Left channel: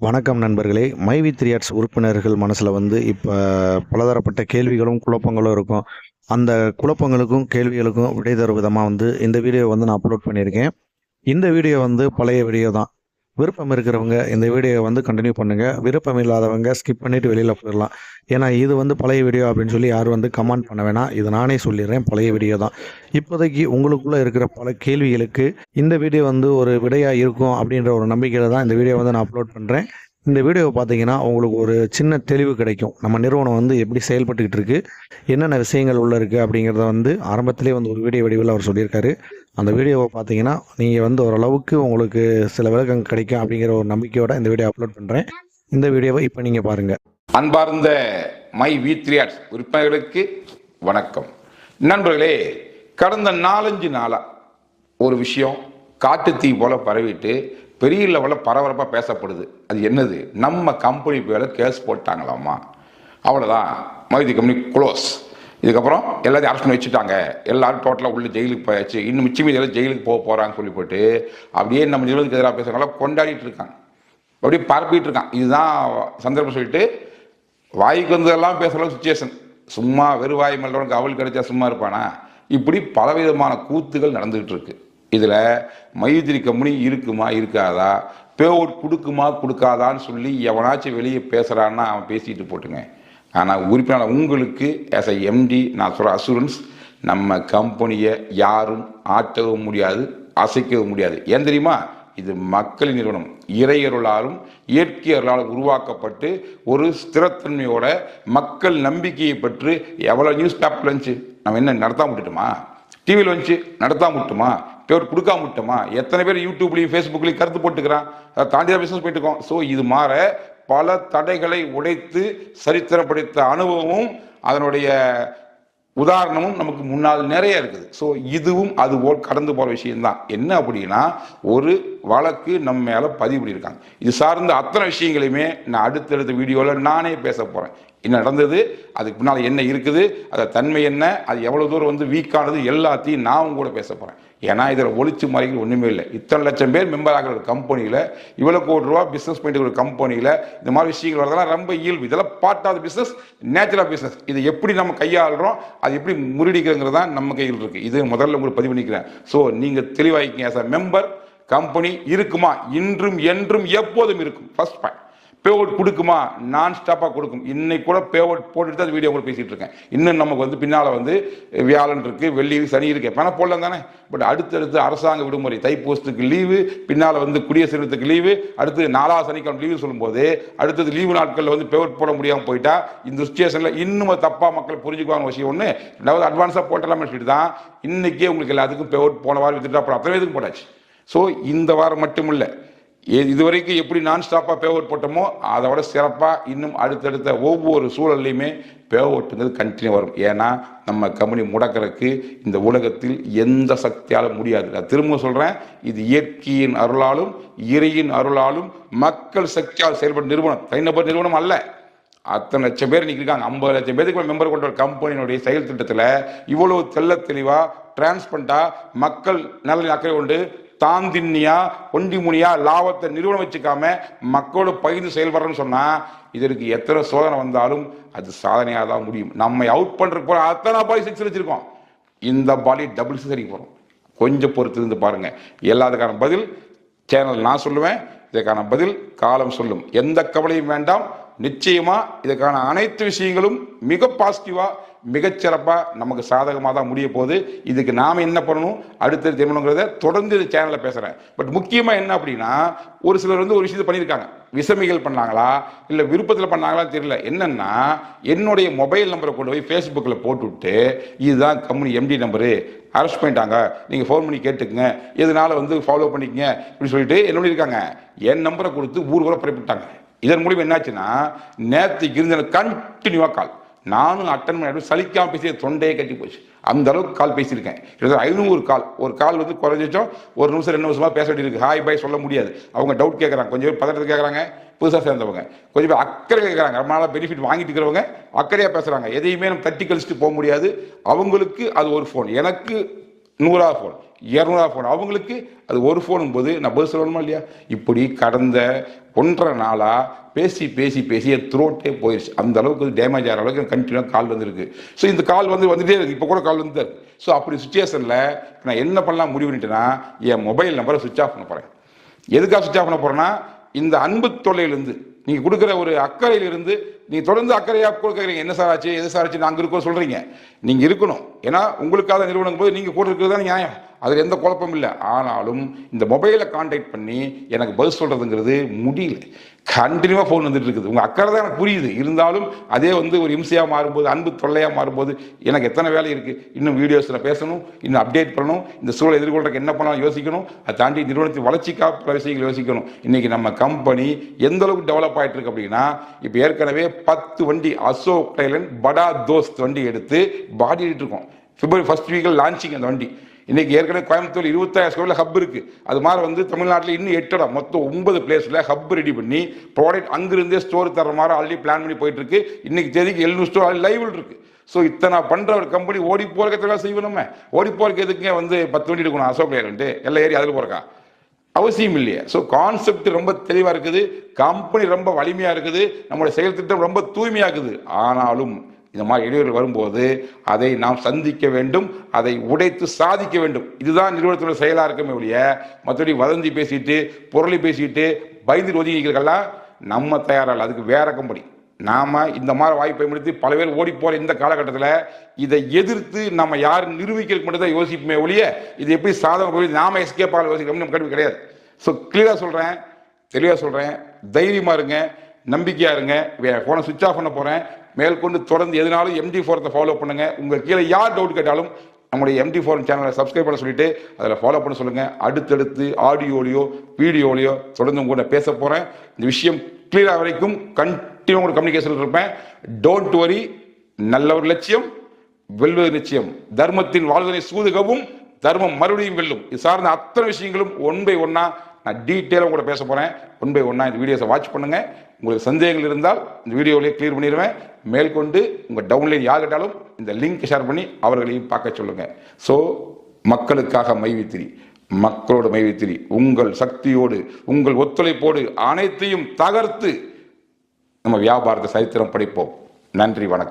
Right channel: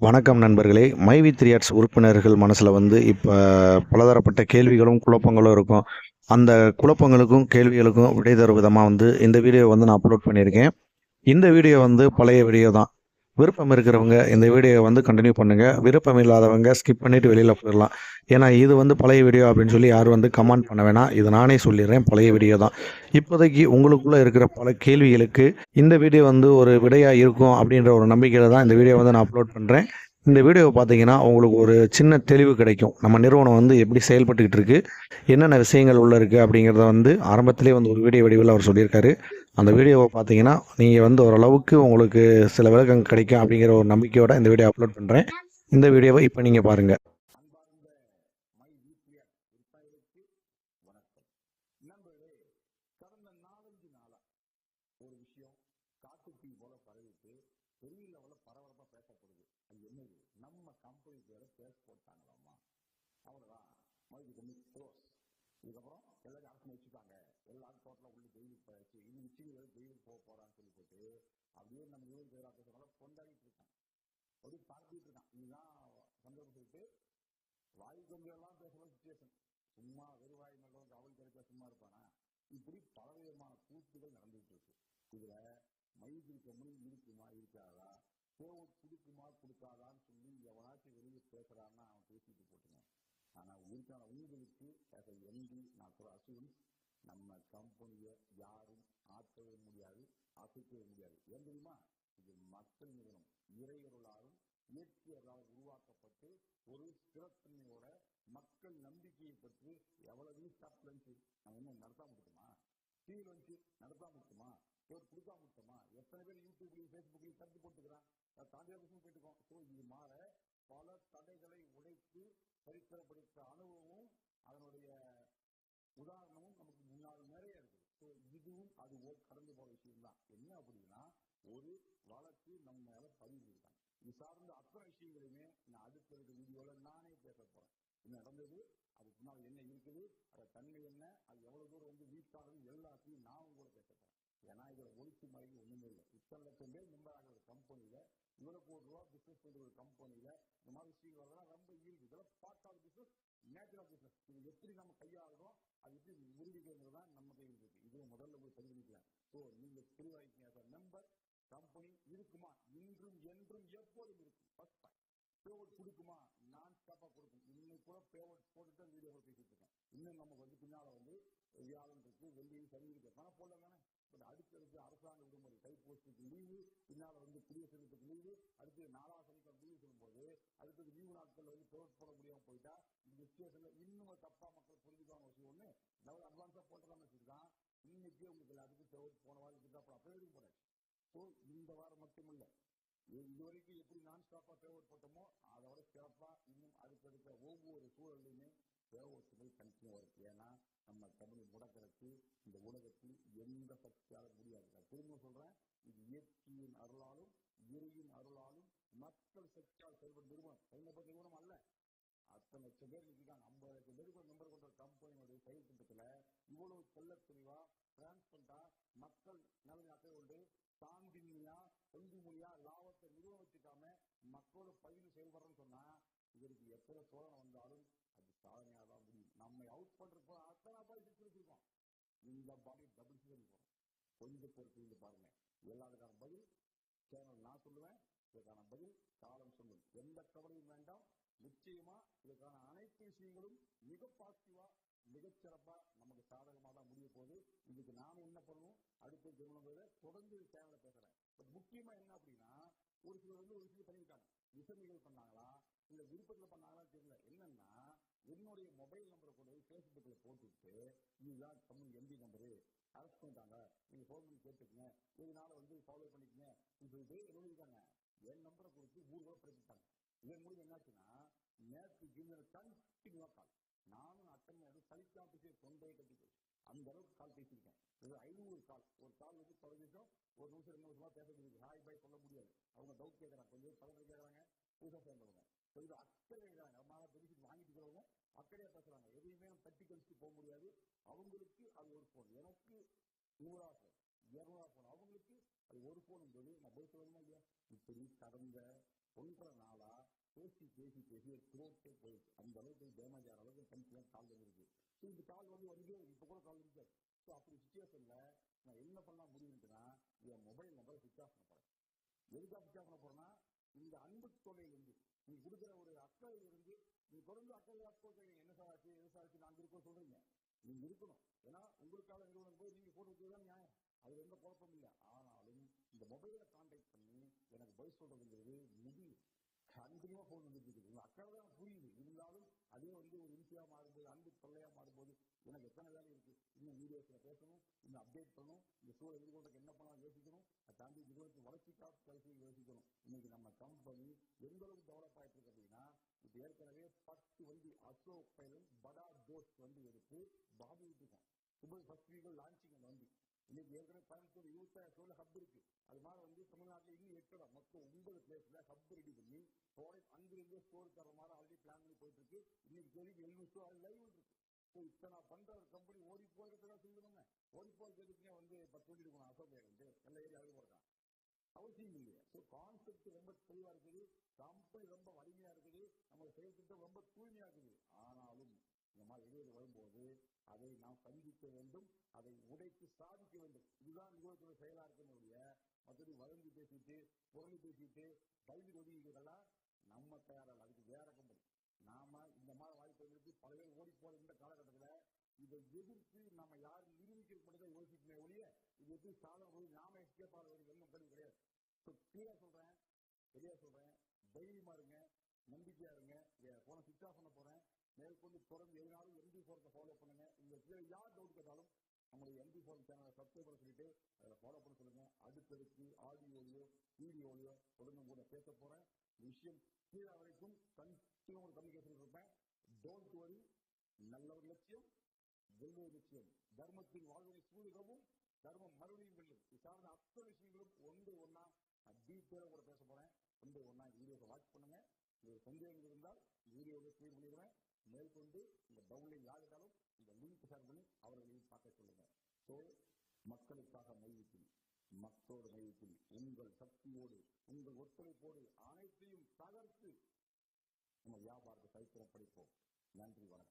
வணக்கம் நண்பர்களே. My we 3 arts உறுப்பினர்கள் மனசில் இப்போ பலதரப்பட்ட கேள்விகளும் குழப்பங்களும் இருக்கும். அந்த குழப்பங்களுக்கும் கேள்விகளுக்கும் விடை தரும் விதமாக இந்த வீடியோ நான் அப்லோட் பண்ணியிருக்கேன். இந்த வீடியோ பழைய வீடியோ தான். விருப்பம் இருக்கிறவங்க இந்த வீடியோவை கண்டினியூ பண்ணுங்கள். விருப்பம் இல்லாதவங்க ஸ்கிப் பண்ணிவிட்டு வெளியில் போயிடலாம். ஏன்னா இது பழைய வீடியோ அப்படின்னு சொல்லி யாரும் கமெண்ட் பண்ண வேணாம். இது நானே சொல்லிடுறேன், பழைய வீடியோ தான். இப்போதைக்கு உங்களுக்குள்ளே இருக்கிற பல கேள்விகளுக்கு இந்த வீடியோ ஒரு விடையாக இருக்கும் அப்படின்ற ஒரு நம்பிக்கையில் தான் இந்த வீடியோ நான் அப்லோட் பண்ணுறேன். இந்த வீடியோவை பார்த்தீங்கன்னா உங்களுக்கு ஒரு சின்ன தெளிவு கிடைக்கும். நம்ம நிறுவனம் எப்படி செயல்பட்டுக்கிட்டு இருக்குது, என்னென்ன விஷயங்கள் உள்ளே இருக்குது அப்படிங்கிறத ஆரம்பத்திலே ஒரு வீடியோ வடிவில் அவர் சொல்லியிருக்காரு. அந்த வீடியோவை பார்த்தீங்கன்னா நீங்கள் ஓரளவுக்கு உங்களுக்கு சில விளக்கம் கிடைக்கும் அப்படிங்கிற ஒரு நம்பிக்கையோடு இந்த வீடியோ அப்லோட் பண்ணுறேன். இந்த வீடியோவை இப்போ நீங்கள் பாருங்கள். அன்பார்ந்த மை வி 3 ஆர்ட்ஸ் உறுப்பினர்களுக்கு வணக்கம். நண்பர்களே, கடந்த 4-5 நாளாக ஒரு விஷயம் காட்டுத்தீ போல பரவிட்டு பெரிய லெவலில் பரபரப்பாக பேசப்படுது. அது என்னது? நம்ம கம்பெனி பேரில் கேஸ் போட்டாங்களாமா. அவ்வளோதான், மைதி கம்பெனி க்ளோஸ். இதுக்கப்புறம் எல்லாத்தையும் அரெஸ்ட் பண்ணி வச்சுட்டாங்க. எல்லாரும் டோட்டலாக உள்ள ஜெயிலுக்கு போயாச்சு. இன்னும் மிச்சம் மீதி எல்லாம் ஜெயிலுக்கு போகிறாங்கன்னு சொல்லி போட்டு அப்படியே நம்ம நிறுவனத்துக்கு எதிராக பேசுகிறவங்களாம் கொண்டாடிட்டு இருக்காங்க, அப்படியே பரப்பிட்டு இருக்கான். இதுதான் சந்தர்ப்பம் சொல்லிட்டு வாய்க்கு வந்ததெல்லாம் பேசுகிற சுச்சுவேஷன். சும்மா வெறுவாய் மல்லவனுக்கு அவள் கிடைச்சா சும்மா இருப்பானா? இப்படி பலவிதமான கூத்துகள் நடந்துகிட்டு இருக்கு. இதில் மைத்திரி கம்பெனி இருக்குமா இருக்காதா, பே அவுட் கொடுக்குமா கொடுக்காதான்னு சொல்லி எவனாச்சும் வெளியே பேசுகிறான்னா அவன் பேசிட்டு போட்டுங்க. ஆனால் உறுப்பினர் உங்களுக்கு ஆஸ் எ எம்டி நான் சொல்கிற அசூரன்ஸ், நம்ம கம்பெனியை யாரும் ஆட்டவும் முடியாது, அசைக்கவும் முடியாது. ஏன் தெரியுமா? இது மக்களின் நிறுவனம். இறையருளாலும் இயற்கை அருளாலும் உருவாக்கப்பட்டு ஒரு ஸ்திரத்தன்மையோட மக்கள் நம்பிக்கையை பெற்று எவ்வளோ நியூஸ் பேப்பர் வந்துச்சு, நம்ம என்ன நடத்தாம விட்டுட்டோமா? டிவியில் வந்துச்சு நடத்தாம விட்டுமா? பேர் கொடுக்காம விட்டோமா? எத்தனை பேர் யூடியூப்லையும் ஃபேஸ்புக்லையும் கருத்து போட்டுக்கிறான். அதை தாண்டி தான் பிஸ்னஸ் போயிட்டு இருக்கோம். ஸோ இது மாற பல தடைகளை உடைத்து சரித்திரம் படைத்த அனுபவமும் அதனுடைய உதாரணமும் நமக்கு முன்னால் நிறைய இருக்குது. ஸோ இதுவும் அது போல் கடந்து போகிற விஷயம்தான். என்ன அப்படின்னா, ஒரு வழக்கு நம்ம மேலே பதிவு பண்ணியிருக்காங்க. இது சார்ந்த அத்தனை விஷயங்களையுமே நான் அடுத்தடுத்த வீடியோவில் நானே பேச போகிறேன். என்ன நடந்தது, அதுக்கு பின்னால் என்ன இருக்குது, அதை தன்மை என்ன, அது எவ்வளோ தூரம் வீக்கானது, எல்லாத்தையும் நான் கூட பேச போகிறேன். ஏன்னா இதில் ஒளிச்சு மறைகள் ஒன்றுமே இல்லை. இத்தனை லட்சம் பேர் மெம்பர் ஆகிற ஒரு கம்பெனியில், இவ்வளோ கோடி ரூபா பிஸ்னஸ் பண்ணிட்டு ஒரு கம்பெனியில் இந்த மாதிரி விஷயங்கள் வரதெல்லாம் ரொம்ப இயல்பு. இதெல்லாம் part of business, natural business. இதை எப்படி நம்ம கையாளுறோம், அது எப்படி முறியடிக்கிறங்கிறது தான் நம்ம கையில் இருக்குது. இது முதல்ல உங்களுக்கு பதிவு பண்ணிக்கிறேன். ஸோ நீங்கள் தெளிவாகிக்கங்க. ஆஸ் அ மெம்பர் கம்பெனி இருக்குமா, இன்றும் என்றும் எப்போதும் இருக்கும். First point. பே அவுட் கொடுக்குமா? நான் ஸ்டாப்பாக கொடுக்கும். இன்னைக்கு கூட பே அவுட் போட்டுட்டு தான் வீடியோ கூட பேசிகிட்டு இருக்கேன். இன்னும் நமக்கு பின்னால் வியாழன் இருக்குது, வெள்ளி சனி இருக்கு, பணம் போடலாம் தானே. பட் அடுத்தடுத்து அரசாங்க விடுமுறை, தைப்பூசத்துக்கு லீவு, பின்னால் குடியரசு தினத்துக்கு லீவு, அடுத்து 4ஆம் சனிக்கிழமை லீவு சொல்லும்போது அடுத்தது லீவு நாட்களில் பே அவுட் போட முடியாமல் போயிட்டா இந்த சுச்சுவேஷனில் இன்னும் தப்பாக மக்கள் புரிஞ்சுக்குவாங்க விஷயம் ஒன்று. ரெண்டாவது அட்வான்ஸாக போட்டலாம்னு சொல்லிட்டு தான் இன்றைக்கே உங்களுக்கு எல்லாத்துக்கும் பே அவுட் போன வாரம் வித்துட்டு அப்புறம் அத்தனை இதுக்கும் போட்டாச்சு. ஸோ இந்த வாரம் மட்டும் இல்லை, இதுவரைக்கும் எப்படி நான் ஸ்டாப்பாக பே அவுட் போட்டோமோ அதை விட சிறப்பாக இன்னும் அடுத்தடுத்த ஒவ்வொரு சூழல்லையுமே பே அவுட்டுங்கிறது கண்டினியூ வரும். ஏன்னா நம்ம கம்பெனி முடக்கிறதுக்கு இந்த உலகத்தில் எந்த சக்தியாலும் முடியாது. நான் திரும்ப சொல்கிறேன், இது இயற்கையின் அருளாலும் இறையின் அருளாலும் மக்கள் சக்தியால் செயல்படும் நிறுவனம், தனிநபர் நிறுவனம் அல்ல. அத்தனை லட்சம் பேர் இன்னைக்கு இருக்காங்க. 50 லட்சம் பேருக்கு மெம்பர் கொண்ட ஒரு கம்பெனியினுடைய செயல் திட்டத்தில் இவ்வளவு தெள்ள தெளிவாக டிரான்ஸ்பரண்டாக மக்கள் நலனில் அக்கறை கொண்டு தாந்தின்னியா ஒண்டிமுனியா லாபத்தை நிறுவனம் வச்சுக்காம மக்களோட பகிர்ந்து செயல்படுறன்னு சொன்னா இதற்கு எத்தனை சோதனை வந்தாலும் அது சாதனையாக தான் முடியும். நம்ம அவுட் பண்றதுக்கு போற அத்தனை பாலி 6 வச்சிருக்கோம், இந்த பாலி டபுள் 6 போறோம். கொஞ்சம் பொறுத்து இருந்து பாருங்க. எல்லாத்துக்கான பதில் சேனல் நான் சொல்லுவேன், இதற்கான பதில் காலம் சொல்லும். எந்த கவலையும் வேண்டாம். நிச்சயமா இதுக்கான அனைத்து விஷயங்களும் மிக பாசிட்டிவா மிகச்சிறப்பாக நமக்கு சாதகமாக தான் முடிய போகுது. இதுக்கு நாம் என்ன பண்ணணும், அடுத்தது தெரியணுங்கிறத தொடர்ந்து இந்த சேனலில் பேசுகிறேன். பட் முக்கியமாக என்ன அப்படின்னா, ஒரு சிலர் ஒரு விஷயத்தை பண்ணியிருக்காங்க. விஷமிகள் பண்ணாங்களா இல்லை விருப்பத்தில் பண்ணாங்களான்னு தெரியல. என்னன்னா, என்னுடைய மொபைல் நம்பரை கொண்டு போய் ஃபேஸ்புக்கில் போட்டுவிட்டு இதுதான் கம்பெனி எம்டி நம்பரு, அரெஸ்ட் பண்ணிட்டாங்க, நீங்கள் ஃபோன் பண்ணி கேட்டுக்குங்க, எதனால ஃபாலோ பண்ணிக்கங்க அப்படின்னு சொல்லிட்டு என்ன பண்ணியிருக்காங்க, என் நம்பரை கொடுத்து ஊர் ஊரை பரப்பிட்டாங்க. இதன் மூலியம் என்னாச்சுன்னா, நேற்றுக்கு இருந்த கண்டினியூவாக கால் நானும் அட்டன் பண்ணி சலிக்காம பேசி தொண்டையை கட்டி போச்சு. அந்த அளவுக்கு கால் பேசியிருக்கேன். 500 கால். ஒரு கால் குறைஞ்சோம் ஒரு நிமிஷம் 2 நிமிஷமா பேச வேண்டியிருக்கு. ஹாய் பாய் சொல்ல முடியாது. அவங்க டவுட் கேட்குறாங்க, கொஞ்சம் பேர் பதட்டத்தை கேட்குறாங்க, புதுசாக சேர்ந்தவங்க கொஞ்சம் பேர் அக்கறை கேட்குறாங்க, ரொம்ப நாளாக பெனிஃபிட் வாங்கிட்டு இருக்கிறவங்க அக்கறையாக பேசுகிறாங்க. எதையுமே நம்ம தட்டி கழிச்சுட்டு போக முடியாது. அவங்களுக்கு அது ஒரு ஃபோன், எனக்கு 100 ஃபோன் 200 ஃபோன், அவங்களுக்கு அது ஒரு ஃபோனும் போது நான் பதில் சொல்லணுமா இல்லையா? இப்படி கடந்த 1.5 நாளா பேசி பேசி பேசி என் த்ரோட்டே போயிடுச்சு. அந்த அளவுக்கு டேமேஜ் ஆகிற அளவுக்கு கண்டினியூ கால் வந்துருக்கு. ஸோ இந்த கால் வந்துட்டே இருக்கு. இப்போ கூட கால் வந்து இருக்கு. ஸோ அப்படி சுச்சுவேஷனில் நான் என்ன பண்ணலாம் முடிவு பண்ணிட்டேன்னா, என் மொபைல் நம்பரை சுவிட்ச் ஆஃப் பண்ண போகிறேன். எதுக்காக சுவிட்ச் ஆஃப் பண்ண போகிறேன்னா, இந்த அன்பு தொல்லையிலிருந்து நீங்கள் கொடுக்குற ஒரு அக்கறையிலிருந்து நீங்கள் தொடர்ந்து அக்கறையாக கொடுக்குறீங்க. என்ன சார் ஆச்சு, எது சார் ஆச்சு, நாங்கள் இருக்கோம் சொல்கிறீங்க. நீங்கள் இருக்கணும். ஏன்னா உங்களுக்காக நிறுவனம் போது நீங்கள் கூட இருக்கிறது தான் நியாயம். அதில் எந்த குழப்பமும் இல்லை. ஆனாலும் இந்த மொபைலை கான்டாக்ட் பண்ணி எனக்கு பதில் சொல்கிறதுங்கிறது முடியல. கண்டினியூவாக ஃபோன் வந்துட்டு இருக்குது. உங்கள் அக்கறை தான் எனக்கு புரியுது. இருந்தாலும் அதே ஒரு இம்சையாக மாறும்போது, அன்பு தொல்லையாக மாறும்போது எனக்கு எத்தனை வேலை இருக்குது. இன்னும் வீடியோஸில் பேசணும், இன்னும் அப்டேட் பண்ணணும், இந்த சூழலை எதிர்கொள்றதுக்கு என்ன பண்ணலாம் யோசிக்கணும். அதை தாண்டி நிறுவனத்தின் வளர்ச்சிக்காக பல விஷயங்கள் யோசிக்கணும். இன்றைக்கி நம்ம கம்பெனி எந்த அளவுக்கு டெவலப் ஆகிட்டு இருக்கு அப்படின்னா, இப்போ ஏற்கனவே 10 வண்டி அசோக் டைலண்ட் படா தோஸ்த் வண்டி எடுத்து பாடிட்டு இருக்கோம். பிப்ரவரி 1st வீக்கில் லான்ச்சிங் அந்த வண்டி. இன்னைக்கு ஏற்கனவே கோயம்புத்தூர் 26,000 ஸ்கொயர்ல ஹப் இருக்கு. அது மாதிரி தமிழ்நாட்டில் இன்னும் 8 இடம், மொத்தம் 9 பிளேஸ்ல ஹப் ரெடி பண்ணி ப்ராடக்ட் அங்கிருந்தே ஸ்டோர் தர மாதிரி ஆல்ரெடி பிளான் பண்ணி போயிட்டு இருக்கு. இன்னைக்கு தேதிக்கு 700 ஸ்டோர் லைவ் இருக்கு. ஸோ இத்தனை பண்ற ஒரு கம்பெனி ஓடி போறதுக்கு செய்வோம். நம்ம ஓடி போறதுக்கு எதுக்குங்க 10 வண்டி எடுக்கணும் அசோக் லேலண்ட் எல்லாம் ஏறி அதில் போறக்கா அவசியம் இல்லையே. ஸோ கான்செப்ட் ரொம்ப தெளிவா இருக்குது, கம்பெனி ரொம்ப வலிமையா இருக்குது, நம்மளுடைய செயல் திட்டம் ரொம்ப தூய்மையா இருக்குது. ஆனாலும் இந்த மாதிரி இடையூறுகள் வரும்போது அதை நாம் சந்திக்க வேண்டும், அதை உடைத்து சாதிக்க வேண்டும். இதுதான் நிறுவனத்தோட செயலாக இருக்குமே ஒழிய மற்றபடி வதந்தி பேசிட்டு பொருளை பேசிட்டு பயந்து ஒதுங்கிக்கிறதுக்கெல்லாம் நம்ம தயாராக. அதுக்கு வேற கம்பெனி. நாம இந்த மாதிரி வாய்ப்பை பயன்படுத்தி பல பேர் ஓடி போற இந்த காலகட்டத்தில் இதை எதிர்த்து நம்ம யாரும் நிரூபிக்கிறதுக்கு மட்டும் தான் யோசிப்போமே ஒழிய இது எப்படி சாதகம் போய் நாம எஸ்கேப் ஆக யோசிக்கணும் நம்ம கல்வி கிடையாது. ஸோ கிளியரா சொல்றேன், தெளிவாக சொல்றேன், தைரியமா இருங்க, நம்பிக்கையா இருங்க. போனை சுவிட்ச் ஆஃப் பண்ண போறேன். மேற்கொண்டு தொடர்ந்து எதுனாலும் MD4 ஃபாலோ பண்ணுங்க. உங்க கீழே யார் டவுட் கேட்டாலும் நம்முடைய MD4 சேனலை சப்ஸ்கிரைப் பண்ண சொல்லிட்டு அதில் ஃபாலோ பண்ண சொல்லுங்க. அடுத்தடுத்து ஆடியோலையோ வீடியோலையோ தொடர்ந்து உங்க கூட பேச போறேன். இந்த விஷயம் கிளியரா வரைக்கும் கண்டினியூ உங்களோட கம்யூனிகேஷன் இருப்பேன். Don't worry. நல்ல ஒரு லட்சியம், வெல்வது நிச்சயம். தர்மத்தின் வாழ்வதனை சூதுகவும் தர்மம் மறுபடியும் வெல்லும். இது சார்ந்த அத்தனை விஷயங்களும் 1 by 1 நான் டீட்டெயிலாக உங்களோட பேச போறேன். 1 by 1 இந்த வீடியோஸை வாட்ச் பண்ணுங்க. உங்களுக்கு சந்தேகங்கள் இருந்தால் இந்த வீடியோவிலேயே கிளியர் பண்ணிடுவேன். மேற்கொண்டு உங்கள் டவுன்லைன் யார் கேட்டாலும் இந்த லிங்க் ஷேர் பண்ணி அவர்களையும் பார்க்க சொல்லுங்க. ஸோ மக்களுக்காக மைவித்திரி, மக்களோட மைவித்திரி, உங்கள் சக்தியோடு உங்கள் ஒத்துழைப்போடு அனைத்தையும் தகர்த்து நம்ம வியாபாரத்தை சரித்திரம் படிப்போம். நன்றி, வணக்கம்.